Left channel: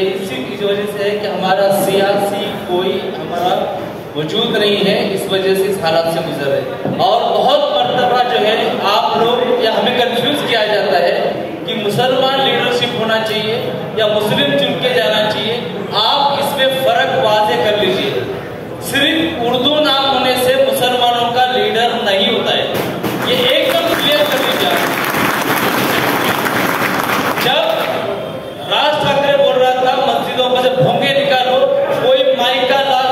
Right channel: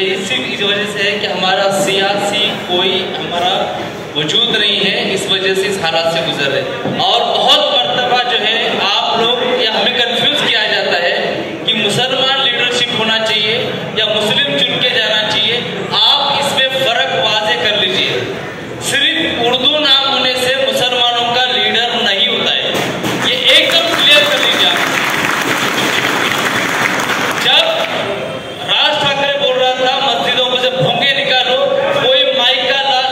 ये इस वजह से है कि हमारा सियासी कोई हमारा वजूद नहीं है, इस वजह से इस हालात से गुजर रहे। और बहुत मर्तबा जो है आप लोग या हमें कंफ्यूज किया जाता है कि मुसलमान लीडरशिप होना चाहिए या मुस्लिम चुन के जाना चाहिए। आप इसमें फर्क वाज़े कर लीजिए। सिर्फ उर्दू नाम होने से मुसलमानों का लीडर नहीं होता है, ये एकदम क्लियर कर लीजिए। जब राज ठाकरे बोल रहा था मस्जिदों में से भोंगे निकालो, कोई माइक का लाल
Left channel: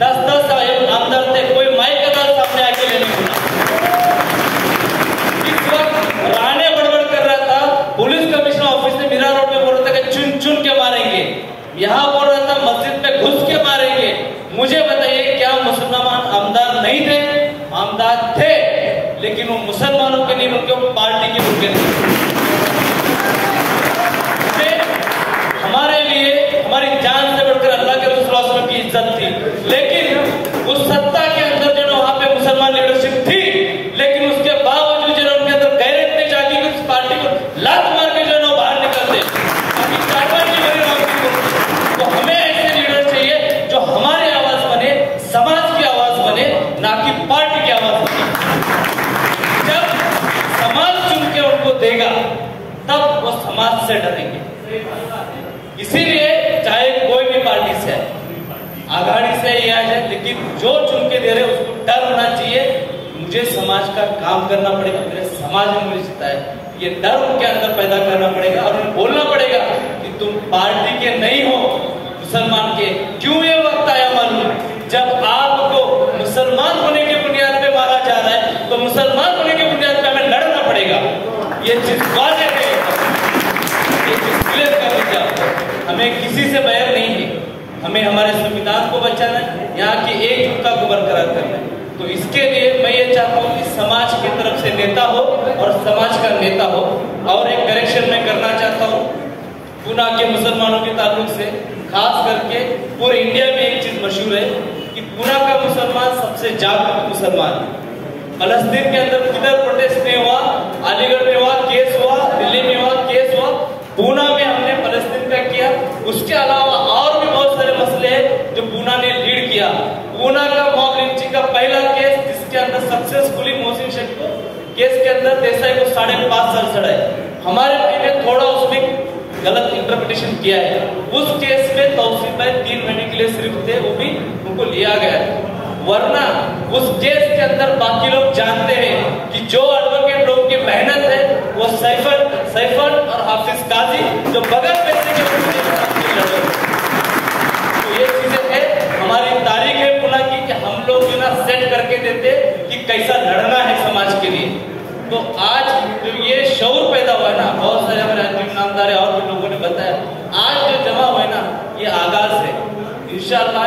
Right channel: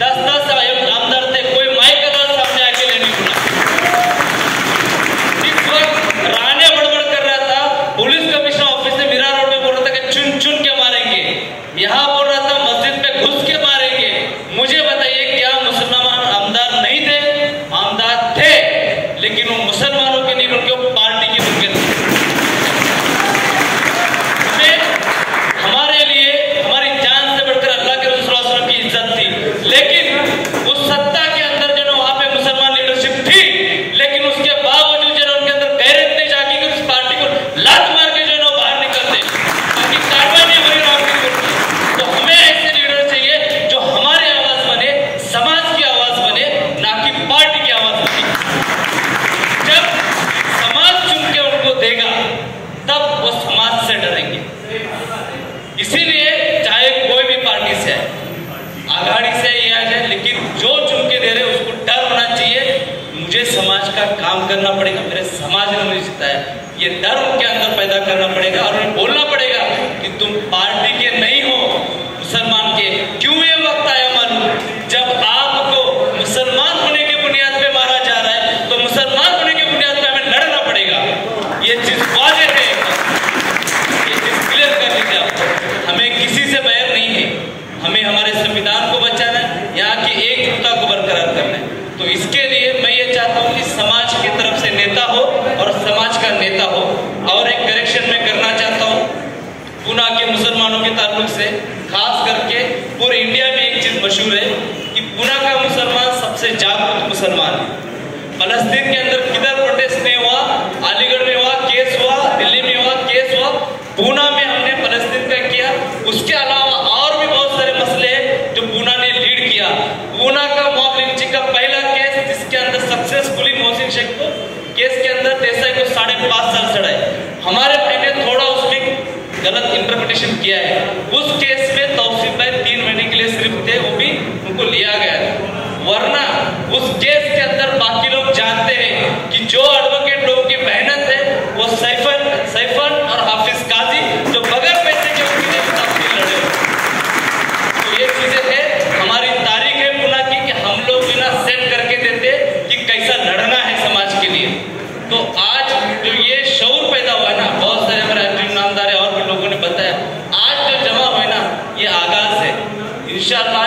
10-10 अंदर थे, कोई माइक का लाल सामने आके नहीं सुना। इस वक्त राणे बड़बड़ कर रहा था, पुलिस कमिश्नर ऑफिस से मीरा रोड में बोल रहा था कि चुन चुन के मारेंगे, यहाँ बोल रहा था मस्जिद में घुस के मारेंगे। मुझे बताइए क्या मुसलमान आमदार नहीं थे? आमदार थे, लेकिन वो मुसलमानों के नहीं बल्कि वो पार्टी के बन गए। हमारे लिए हमारी जान से बढ़कर अल्लाह के रसूल सल्लल्लाहु अलैहि वसल्लम की इज्जत थी, लेकिन उस सत्ता के अंदर जो वहां पे मुसलमान लीडरशिप थी, लेकिन उसके बावजूद जो उनके अंदर गैरत नहीं जागी कि उस पार्टी को लात मार के जो है बाहर निकलते, ताकि कार्रवाई नहीं करी राहुल। तो हमें ऐसे लीडर चाहिए जो हमारी आवाज बने, समाज की आवाज बने, ना कि पार्टी की आवाज बने। जब समाज चुन के उनको देगा तब वो समाज से डरेंगे। इसीलिए चाहे कोई भी पार्टी से है, आघाड़ी से या है, लेकिन जो चुन के दे रहे उसको डर होना चाहिए। मुझे समाज का काम करना पड़ेगा, मेरे समाज ने मुझे जिताया, ये डर उनके अंदर पैदा करना पड़ेगा और उन्हें बोलना पड़ेगा कि तुम पार्टी के नहीं हो, मुसलमान के। क्यों ये वक्त आया मालूम? जब आपको मुसलमान होने की बुनियाद पे मारा जा रहा है, तो मुसलमान होने की बुनियाद पे हमें लड़ना पड़ेगा। ये चीज वाज़ेह है, ये चीज क्लियर कर लीजिए आप। हमें किसी से बैर नहीं है, हमें हमारे संविधान को बचाना है, यहाँ की एकजुटता को बरकरार करना है। तो इसके लिए मैं ये चाहता हूँ कि समाज की तरफ से नेता हो और समाज का नेता हो। और एक करेक्शन मैं करना चाहता हूँ पुणे के मुसलमानों के ताल्लुक से, खास करके पूरे इंडिया में एक चीज मशहूर है कि पुणे का मुसलमान सबसे जागरूक मुसलमान है। फलस्तीन के अंदर किधर प्रोटेस्ट नहीं हुआ, अलीगढ़ में हुआ केस हुआ, दिल्ली में हुआ केस हुआ, पुणे में हमने फलस्तीन का किया। उसके अलावा और भी बहुत सारे मसले हैं जो पुणे ने लीड किया। पुणे का मॉब लिंचिंग का पहला केस, जिसके अंदर सक्सेसफुली मोहसिन शेख को केस के अंदर देसाई को 5.5 साल चढ़ाए। हमारे भाई ने थोड़ा उसमें गलत इंटरप्रिटेशन किया है। उस केस में तौसीफ भाई 3 महीने के लिए सिर्फ थे, वो भी उनको लिया गया था। वरना उस केस के अंदर बाकी लोग जानते हैं कि जो एडवोकेट लोग की मेहनत है वो सैफल और हाफिज काजी जो बगैर पैसे के लड़े। तो ये चीजें है, हमारी तारीख है पुणे की कि हम लोग बिना सेट करके देते कि कैसा लड़ना है समाज के लिए। तो आज जो ये शऊर पैदा हुआ ना, बहुत सारे हमारे अंजुम नामदार और भी लोगों ने बताया, आज जो जमा हुआ ना, ये आगाज है। इंशाअल्लाह